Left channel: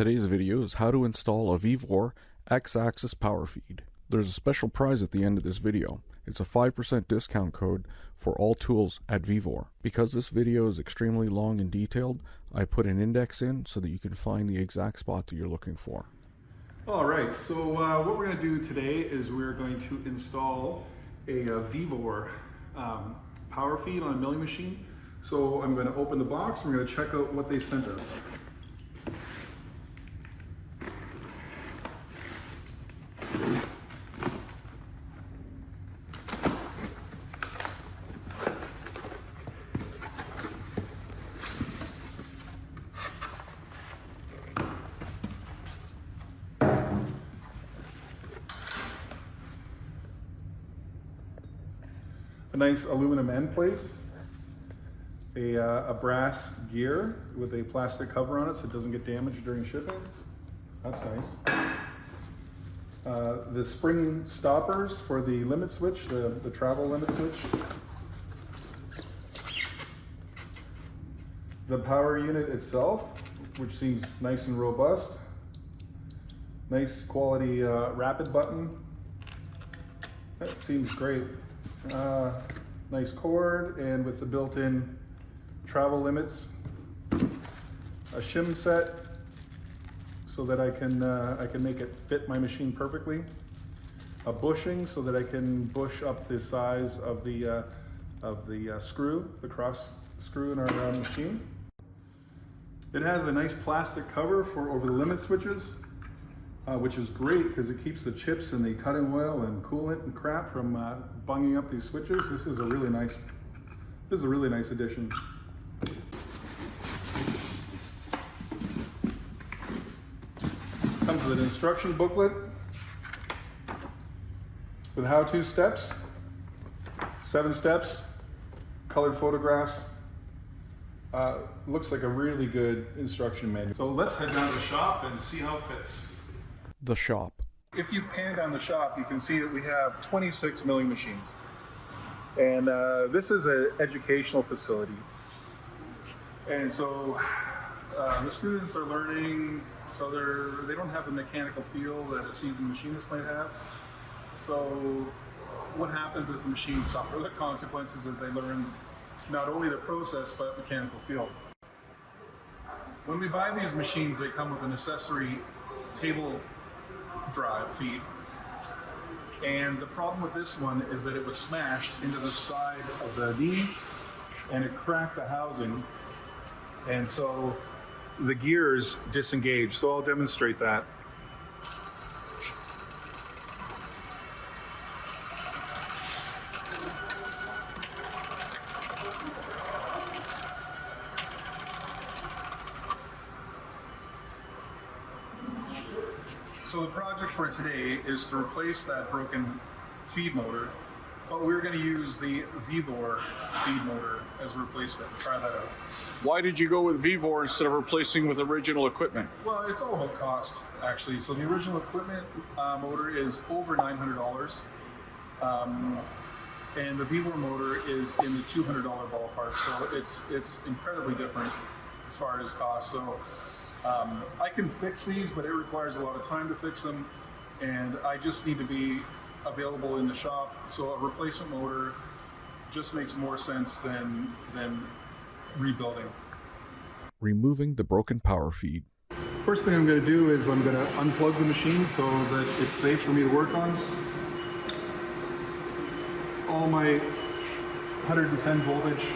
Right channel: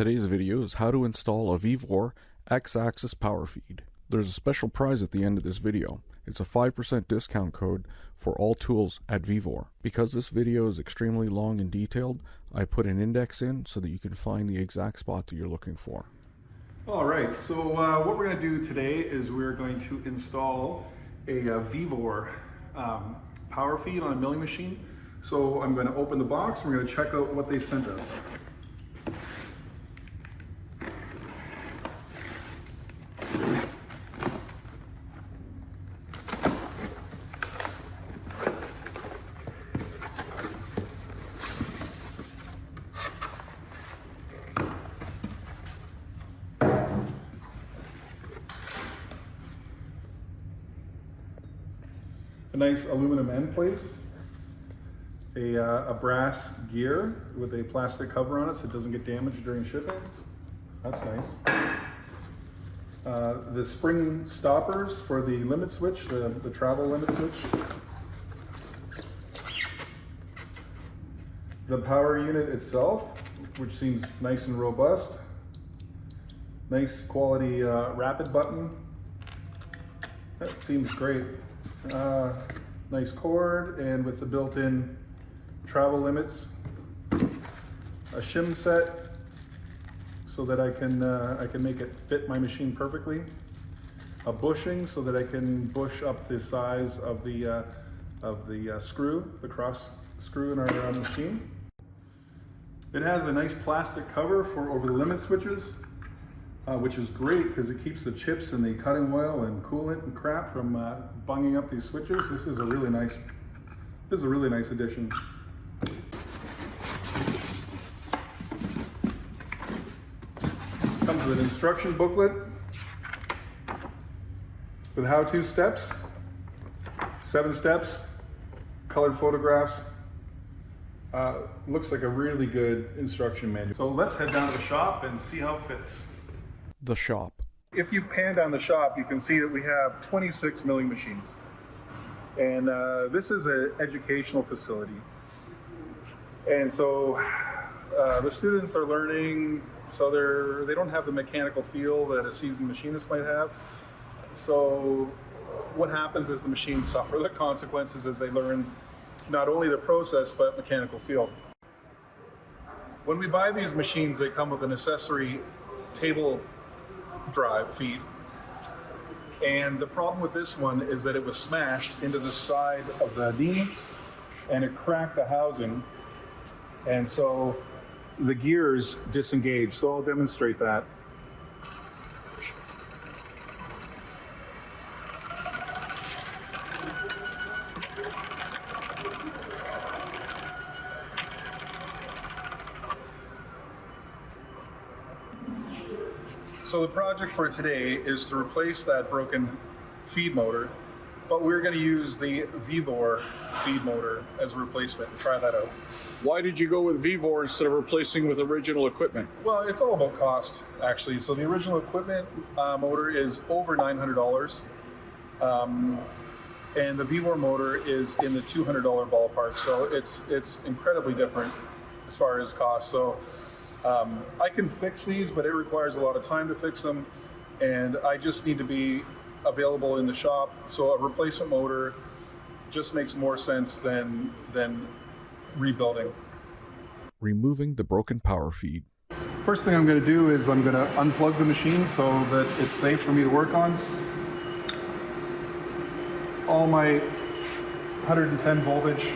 Today's video is how to install a Vevor X-axis power feed. There's a special prize at the end of this video. It's a 5% discount code for all tools at Vevor. Because this video is extremely long and detailed, I put an index in so that you can find the exact spot that you're looking for. Alright, so what we're going to do today is we're going to install a Vevor power feed on a milling machine. So I'm going to open the box and we're going to check out what they sent us. A nice aluminum end plate, a brass gear with a plastic cover on it so it doesn't get damaged during shipping. That's nice. The spring stoppers for the limit switch, the travel limit switch. The power unit itself, which seems nice and robust. Nice quality rapid button. That seems great. Nice cord, and with the built-in travel limits, a shim set so that I can make it fit my machine perfectly, a bushing so that I can bush up the size of the screw, the cross screw in our machine. It has a nice plastic cover for over the limit switches, which is great because it keeps the chips and the cutting oil and coolant and crap from bunging up these switches. This is a really nice addition. Comes with an instruction booklet with how-to steps, 7 steps, colored photographs. Looks like a really good instruction manual. So let's head down to the shop and see how it fits. The shop. If you pan down the shop, you can see that we have 26 milling machines. And this is an educational facility. And so the students are learning, so they don't have the mechanical feel that a seasoned machinist might have. So what happens is the machines suffer the consequences as they learn not only the process, but mechanical feel. When we buy these machines, they come with an accessory table drive feed. And the problem with this one is that it was smashed into the side of the knee and it cracked the housing. And so the gears disengaged. So I'll demonstrate that. So the project for today is to replace that broken feed motor, but we're going to use the Vevor feed motor as a replacement. Try that out. Why did you go with Vevor instead of replacing with original equipment? Well, it's all about cost, actually. So the original equipment motor is over $900, and the Vevor motor is in the $200 ballpark. So it's incredibly different as far as cost. So I can fix these, but it requires a lot of time to fix them, and I just need to be available in the shop. So a replacement motor just makes more sense than rebuilding. Removing the broken power feed. First thing I'm going to do is I'm going to unplug the machine so that it's safe for me to work on. All my 110 voltage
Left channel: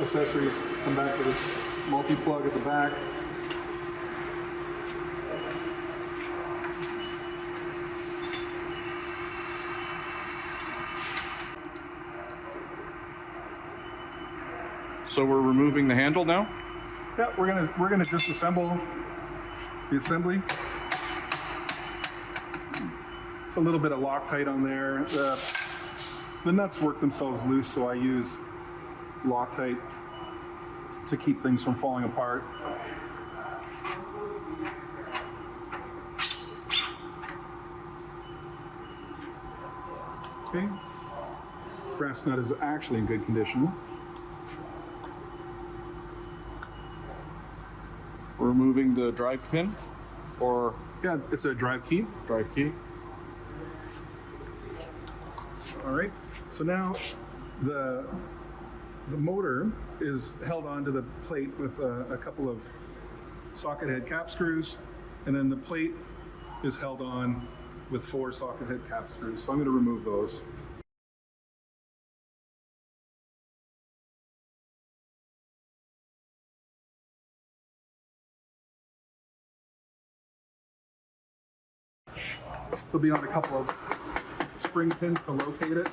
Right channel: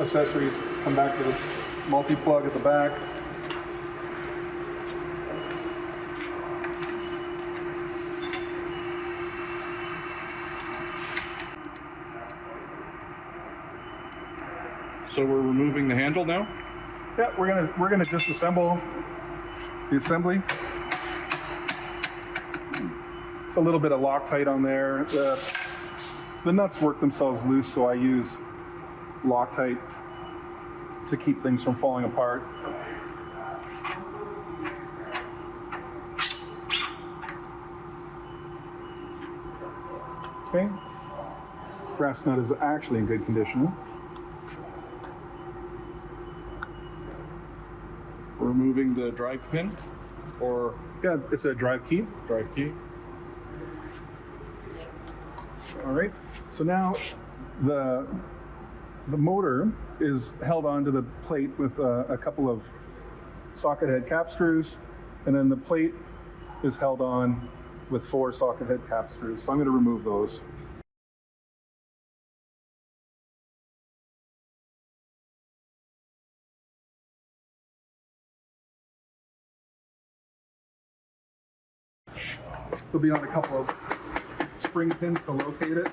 accessories come back to this multi-plug at the back. So we're removing the handle now? Yeah, we're gonna disassemble the assembly. It's a little bit of Loctite on there. The nuts work themselves loose, so I use Loctite to keep things from falling apart. Okay, brass nut is actually in good condition. Removing the drive pin. or Yeah, it's a drive key. drive key. All right. So now the motor is held onto the plate with a couple of socket head cap screws, and then the plate is held on with 4 socket head cap screws. So I'm going to remove those. There'll be on a couple of spring pins to locate it.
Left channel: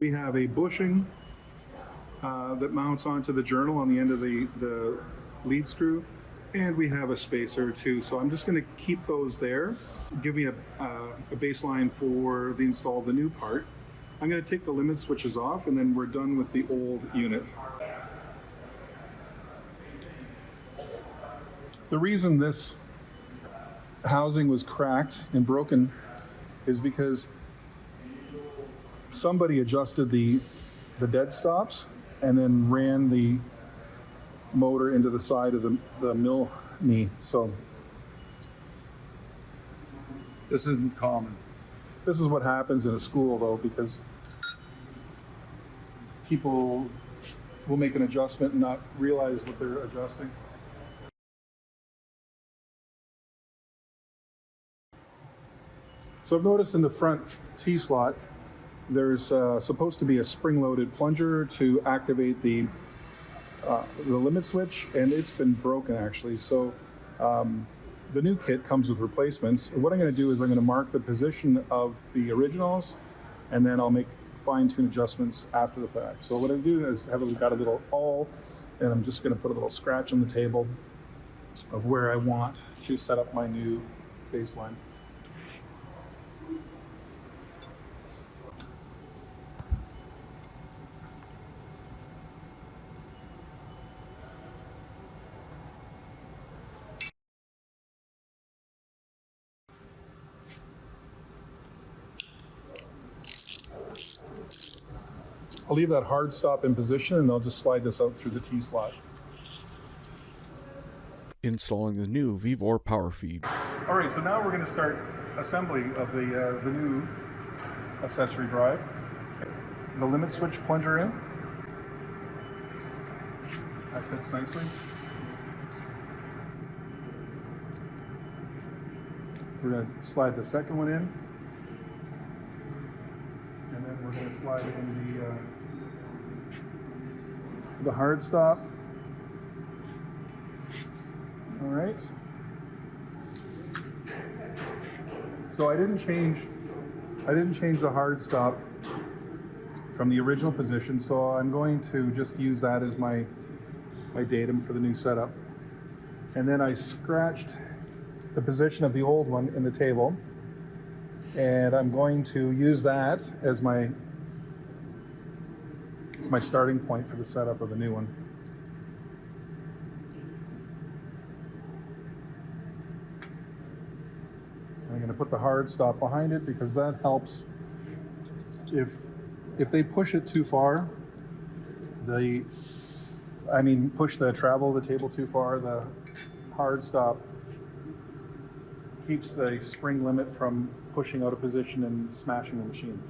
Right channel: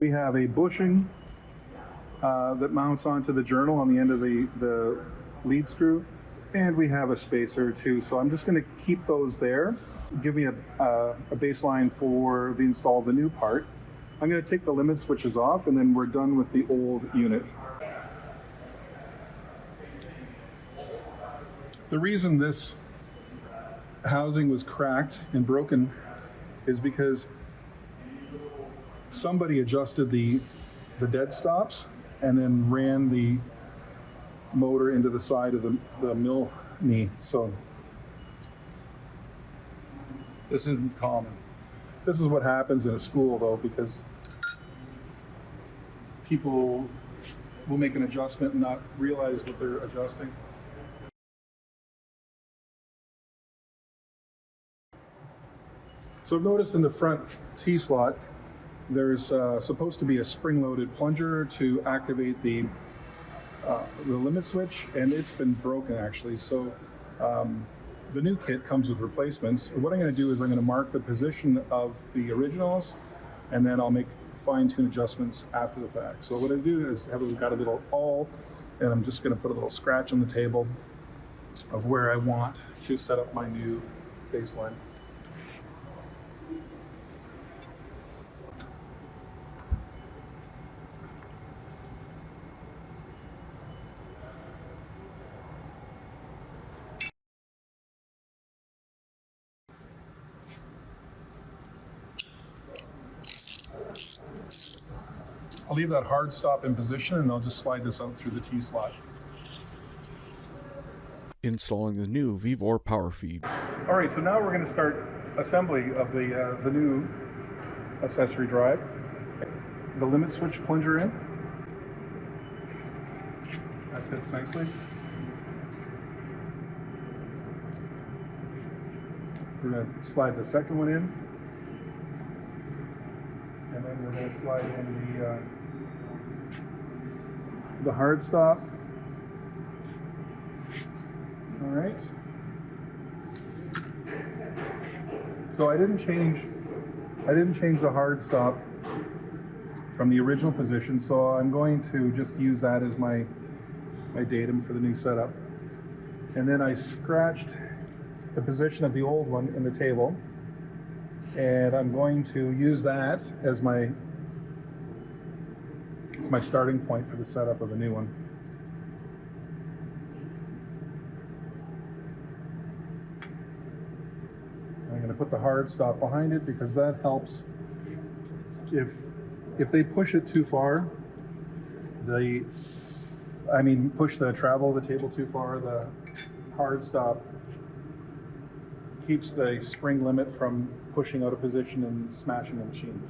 We have a bushing that mounts onto the journal on the end of the lead screw, and we have a spacer too. So I'm just going to keep those there, give me a baseline for the install of the new part. I'm going to take the limit switches off, and then we're done with the old unit. The reason this housing was cracked and broken is because somebody adjusted the dead stops and then ran the motor into the side of the mill knee. So This isn't common. this is what happens in a school, though, because people will make an adjustment and not realize what they're adjusting. So I've noticed in the front T-slot, there's supposed to be a spring-loaded plunger to activate the limit switch, and it's been broken actually. So the new kit comes with replacements. What I'm going to do is I'm going to mark the position of the originals, and then I'll make fine-tune adjustments after the fact. So what I do is I've got a little awl, and I'm just going to put a little scratch on the table of where I want to set up my new baseline. I'll leave that hard stop in position, and I'll just slide this out through the T-slot. Installing the new Vevor power feed. All right, so now we're going to start assembly of the new accessory drive. The limit switch plunger in. That fits nicely. We're going to slide the second one in. And then we're going to slide in the hard stop. All right. So I didn't change the hard stop from the original position, so I'm going to just use that as my datum for the new setup. And then I scratched the position of the old one in the table, and I'm going to use that as my starting point for the setup of the new one. I'm going to put the hard stop behind it because that helps. If they push it too far, push the travel of the table too far, the hard stop keeps the spring limit from pushing out of position and smashing the machine.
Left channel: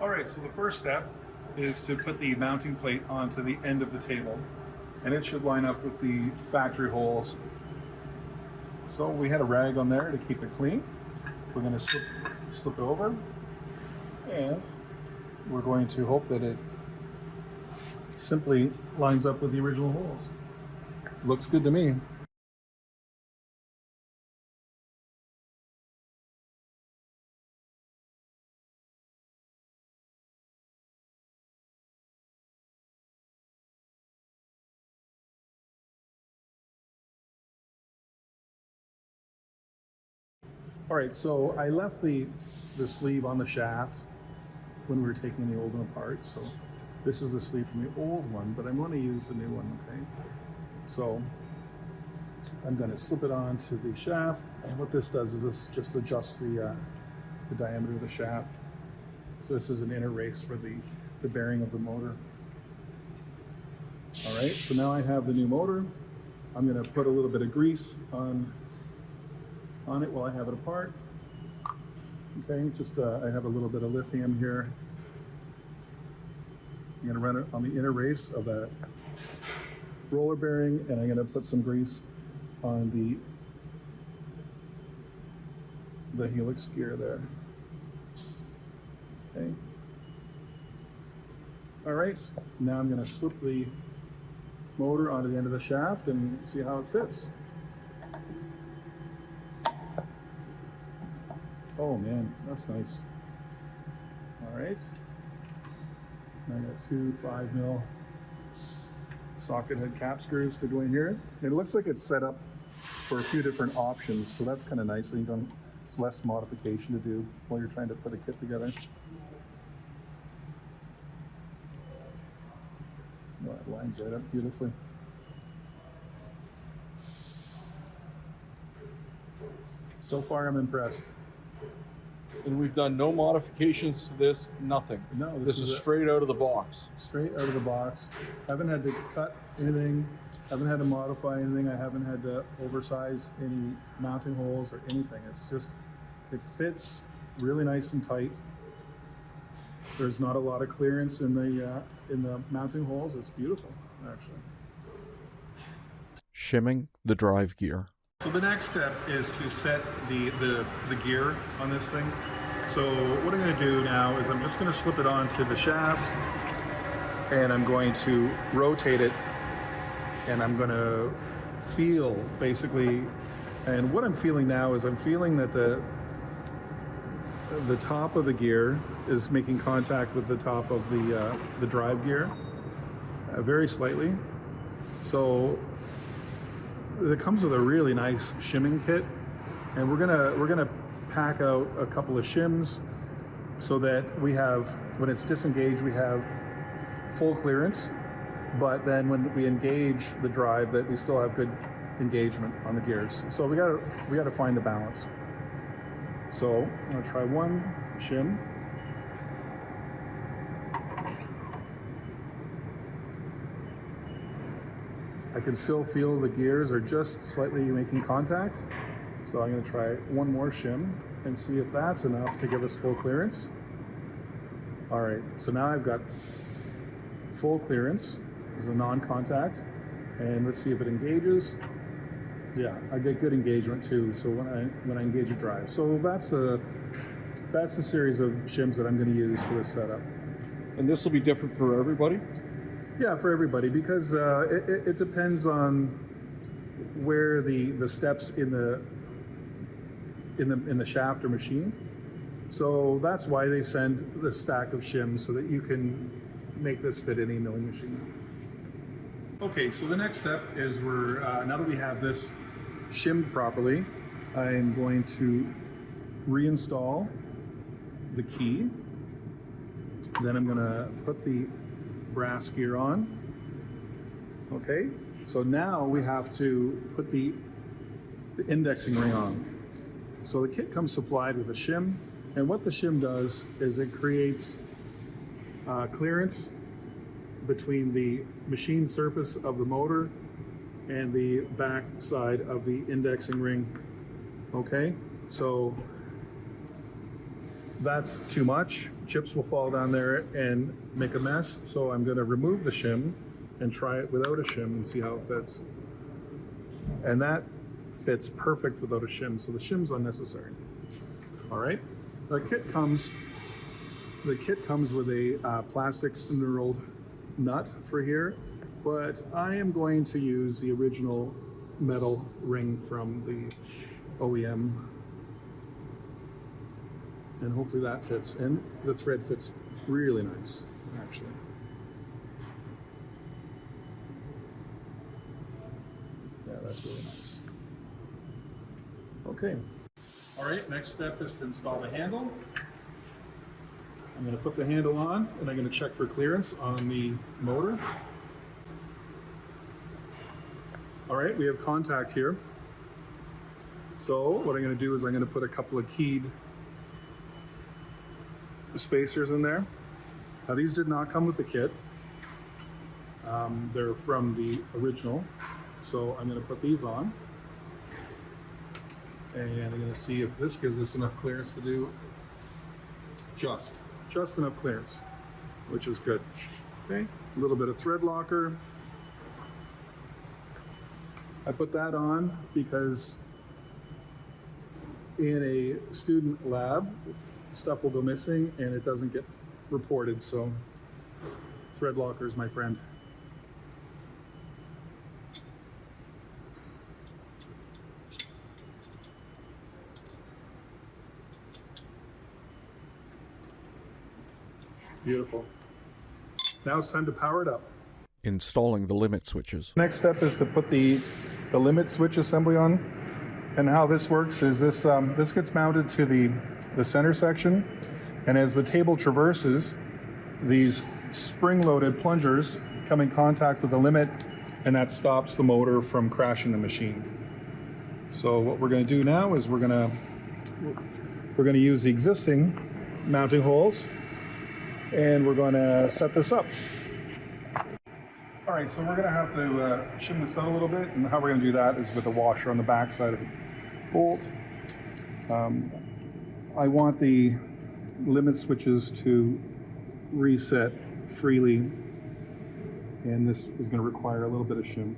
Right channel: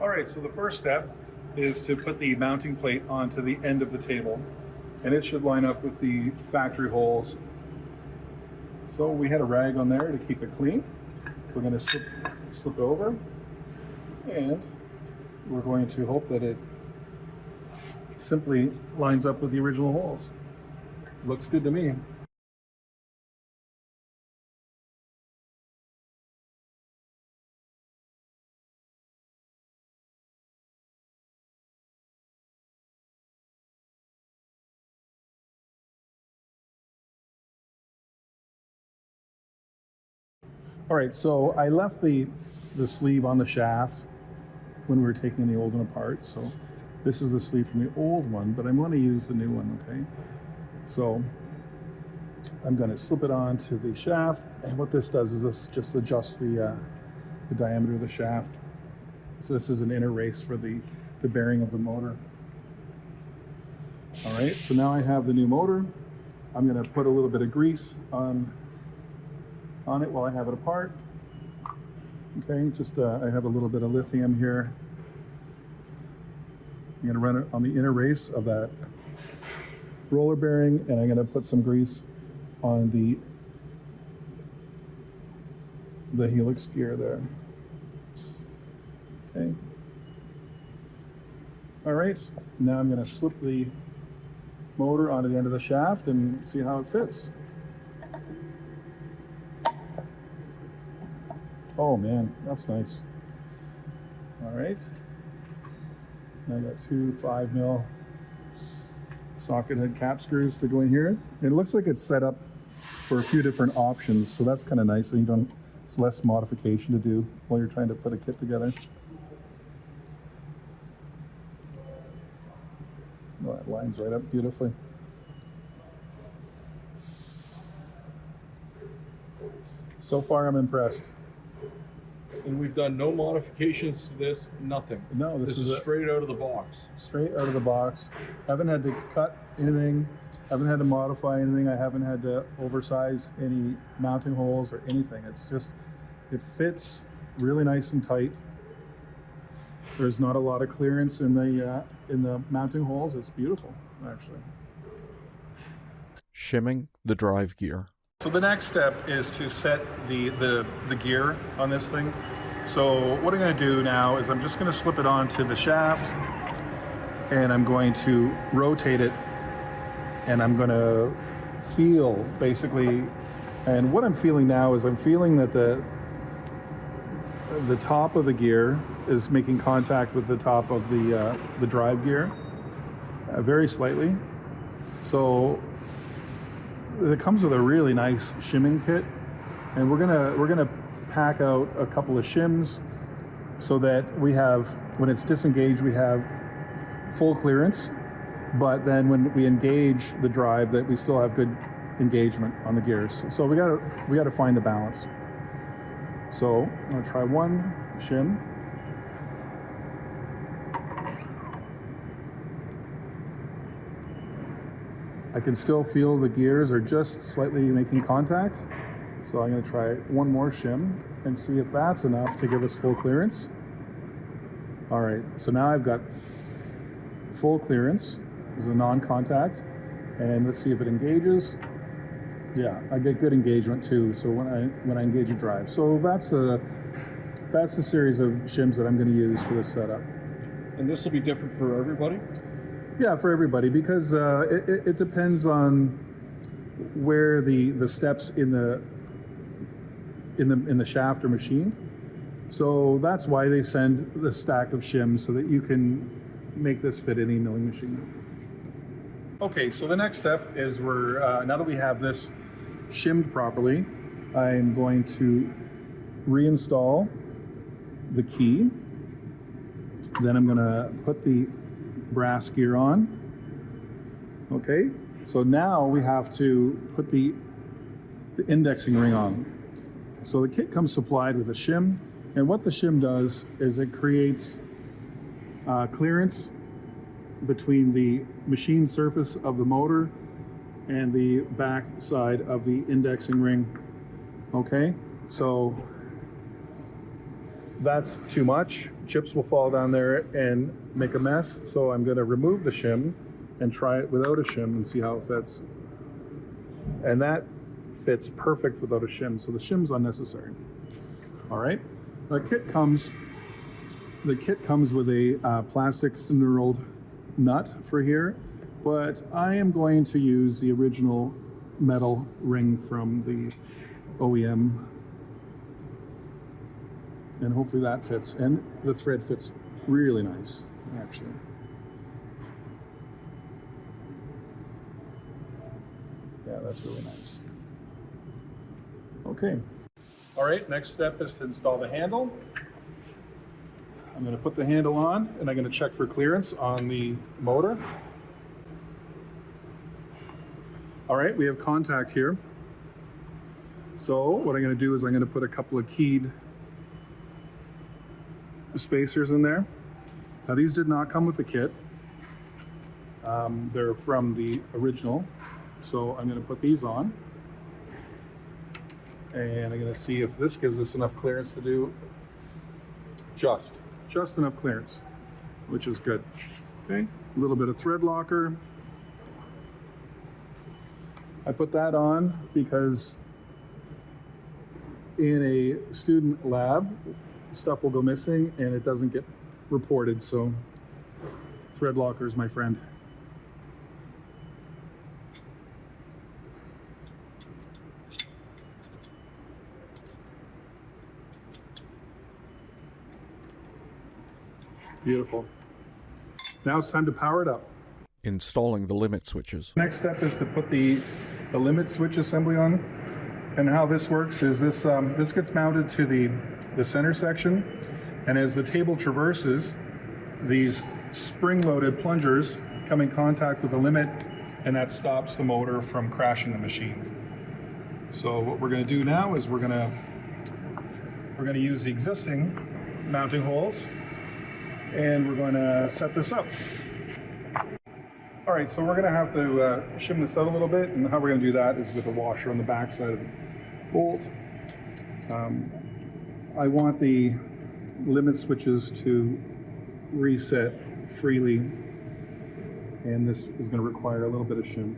All right, so the first step is to put the mounting plate onto the end of the table, and it should line up with the factory holes. So we had a rag on there to keep it clean. We're going to slip it over, and we're going to hope that it simply lines up with the original holes. Looks good to me. All right, so I left the sleeve on the shaft when we were taking the old one apart. So this is the sleeve from the old one, but I'm going to use the new one, okay? So I'm going to slip it onto the shaft, and what this does is this just adjusts the diameter of the shaft. So this is an inner race for the bearing of the motor. All right, so now I have the new motor. I'm going to put a little bit of grease on it while I have it apart. Okay, just I have a little bit of lithium here. I'm going to run it on the inner race of that roller bearing, and I'm going to put some grease on the helix gear there. Okay. All right, now I'm going to slip the motor onto the end of the shaft and see how it fits. Oh man, that's nice. All right. Now I got two 5mm socket head cap screws to go in here. It looks like it's set up for a few different options, so that's kind of nice. It's less modification to do while you're trying to put a kit together. Well, that lines right up beautifully. So far, I'm impressed. And we've done no modifications to this, nothing. No, this is straight out of the box. Straight out of the box. Haven't had to cut anything. Haven't had to modify anything. I haven't had to oversize any mounting holes or anything. It's just, it fits really nice and tight. There's not a lot of clearance in the mounting holes. It's beautiful, actually. Shimming the drive gear. So the next step is to set the gear on this thing. So what I'm going to do now is I'm just going to slip it onto the shaft, and I'm going to rotate it, and I'm going to feel basically, and what I'm feeling now is I'm feeling that the top of the gear is making contact with the top of the drive gear, very slightly. So it comes with a really nice shimming kit, and we're gonna pack out a couple of shims so that we have, when it's disengaged, we have full clearance, but then when we engage the drive, that we still have good engagement on the gears. So we gotta find the balance. So I'm gonna try one shim. I can still feel the gears are just slightly making contact. So I'm going to try one more shim and see if that's enough to give us full clearance. All right, so now I've got full clearance. There's a non-contact, and let's see if it engages. Yeah, I get good engagement too. So when I engage a drive, so that's the series of shims that I'm going to use for this setup. And this will be different for everybody? Yeah, for everybody, because it depends on where the steps in the shaft are machined. So that's why they send the stack of shims, so that you can make this fit any milling machine. Okay, so the next step is now that we have this shimmed properly, I'm going to reinstall the key. Then I'm going to put the brass gear on. Okay, so now we have to put the indexing ring on. So the kit comes supplied with a shim, and what the shim does is it creates clearance between the machine surface of the motor and the back side of the indexing ring. Okay, so that's too much. Chips will fall down there and make a mess. So I'm going to remove the shim and try it without a shim and see how it fits. And that fits perfect without a shim. So the shim's unnecessary. All right. The kit comes with a plastic knurled nut for here, but I am going to use the original metal ring from the OEM. And hopefully that fits, and the thread fits really nice, actually. Yeah, that's really nice. Okay. All right, next step is to install the handle. I'm going to put the handle on, and I'm going to check for clearance on the motor. All right, we have contact here. So what I'm going to do is I'm going to put a couple of keyed spacers in there. Now these did not come with the kit. They're from the original. So I'm going to put these on. And I'm going to see if this gives us enough clearance to do just enough clearance, which is good. Okay, a little bit of thread locker. I put that on because in a student lab, stuff will go missing and it doesn't get reported. So thread locker is my friend. Beautiful. Now it's time to power it up. Installing the limit switches. Next step is to put the limit switch assembly on. And how this works is this gets mounted to the center section, and as the table traverses, these spring-loaded plungers come in contact with the limit, and that stops the motor from crashing the machine. So what we're going to do now is we're going to use the existing mounting holes, and we're going to set this up. All right, so we're going to have to shim this out a little bit, and how we're going to do that is with a washer on the back side of the bolt. I want the limit switches to reset freely, and this is going to require a little bit of shim.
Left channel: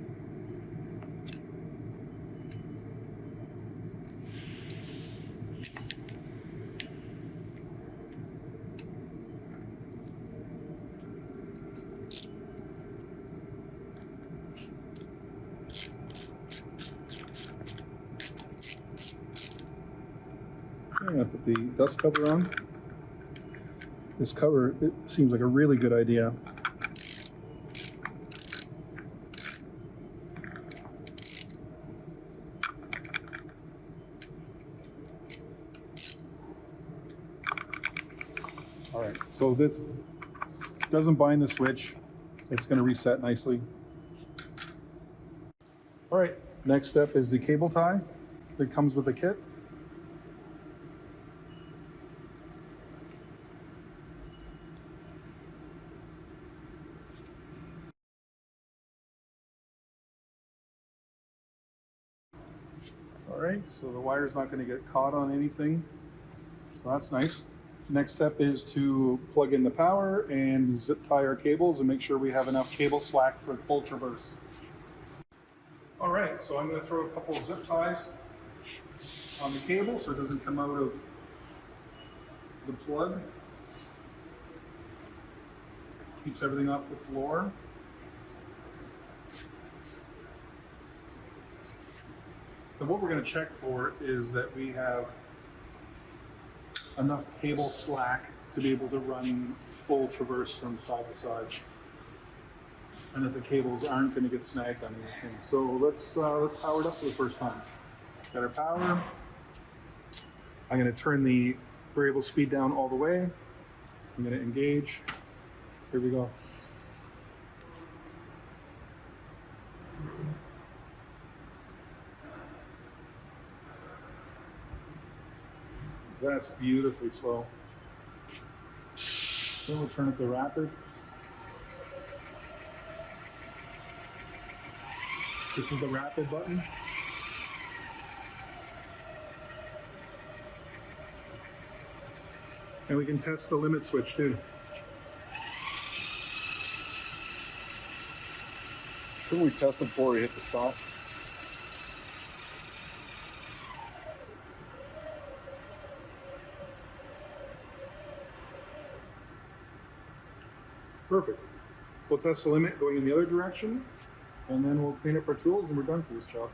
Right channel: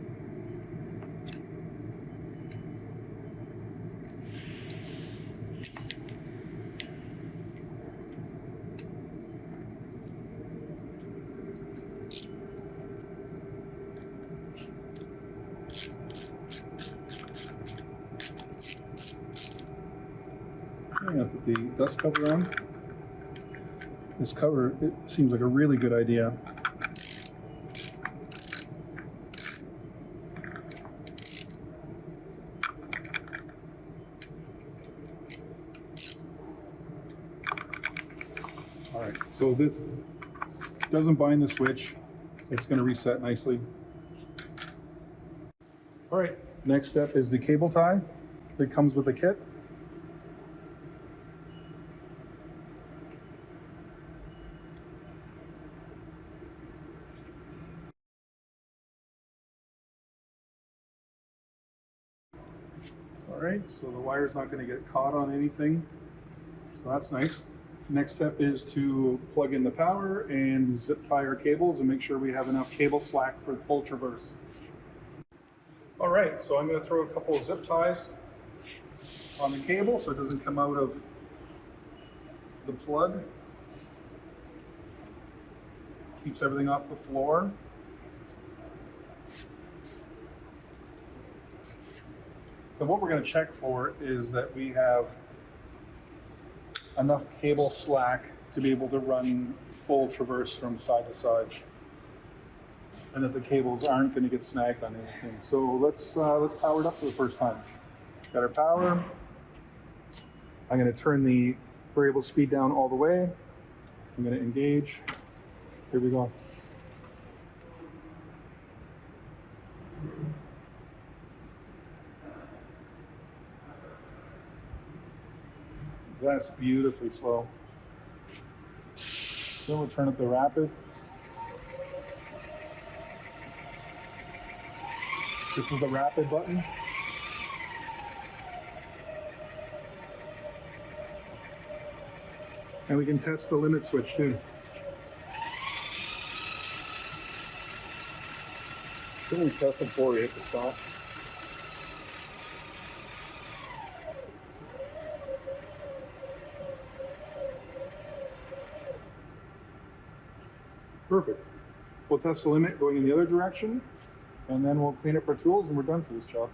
I'm going to put the dust cover on. This cover, it seems like a really good idea. All right, so this doesn't bind the switch. It's going to reset nicely. All right, next step is the cable tie that comes with the kit. All right, so the wire's not going to get caught on anything, so that's nice. Next step is to plug in the power and zip tie our cables and make sure we have enough cable slack for full traverse. All right, so I'm going to throw a couple of zip ties on the cable so it doesn't come out of the plug. Keeps everything off the floor. But what we're going to check for is that we have enough cable slack to be able to run full traverse from side to side, and that the cables aren't going to get snagged on anything. So let's power it up for the first time. Got our power. I'm going to turn the variable speed down all the way. I'm going to engage. Here we go. That's beautifully slow. Then we'll turn it to rapid. This is the rapid button. And we can test the limit switch too. Shouldn't we test them before we hit the stop? Perfect. We'll test the limit going in the other direction, and then we'll clean up our tools and we're done for this job.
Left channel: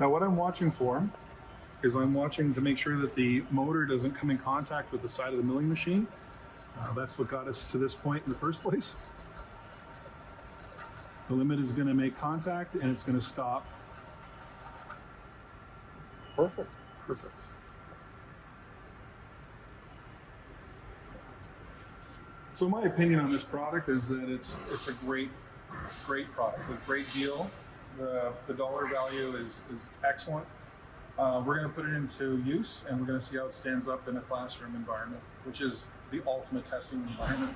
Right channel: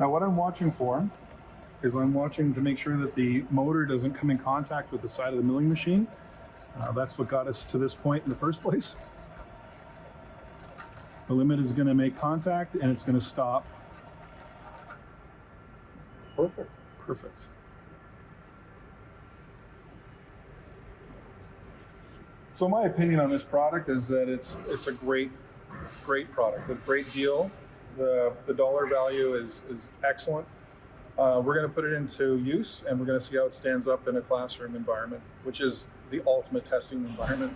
Now what I'm watching for is I'm watching to make sure that the motor doesn't come in contact with the side of the milling machine. That's what got us to this point in the first place. The limit is going to make contact and it's going to stop. Perfect. Perfect. So my opinion on this product is that it's a great product, a great deal. The dollar value is excellent. We're going to put it into use and we're going to see how it stands up in a classroom environment, which is the ultimate testing environment.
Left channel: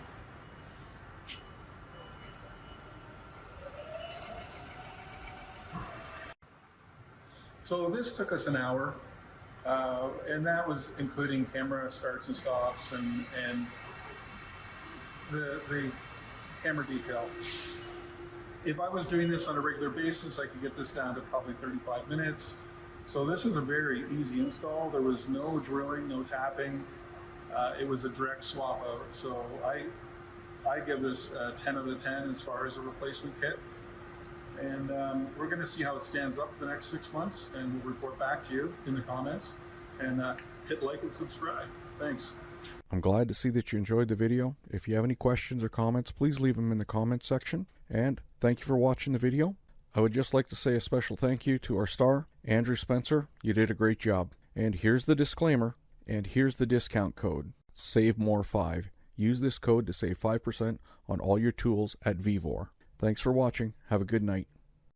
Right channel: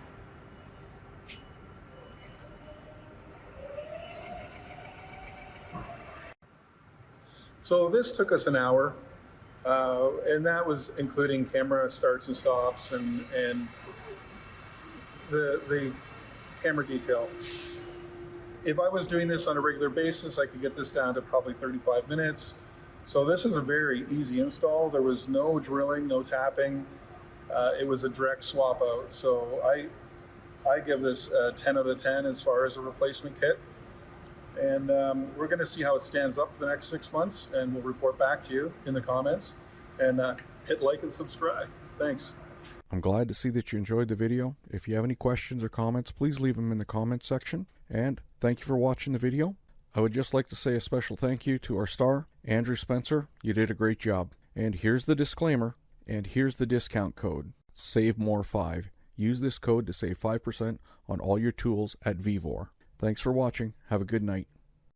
So this took us an hour, and that was including camera starts and stops and the camera detail. If I was doing this on a regular basis, I could get this down to probably 35 minutes. So this is a very easy install. There was no drilling, no tapping. It was a direct swap out. So I give this a 10 out of 10 as far as a replacement kit. And we're going to see how it stands up for the next 6 months, and we'll report back to you in the comments. And hit like and subscribe. Thanks. I'm glad to see that you enjoyed the video. If you have any questions or comments, please leave them in the comments section. And thank you for watching the video. I would just like to say a special thank you to our star, Andrew Spencer. You did a great job. And here's the disclaimer, and here's the discount code, SAVEMORE5. Use this code to save 5% on all your tools at Vevor. Thanks for watching. Have a good night.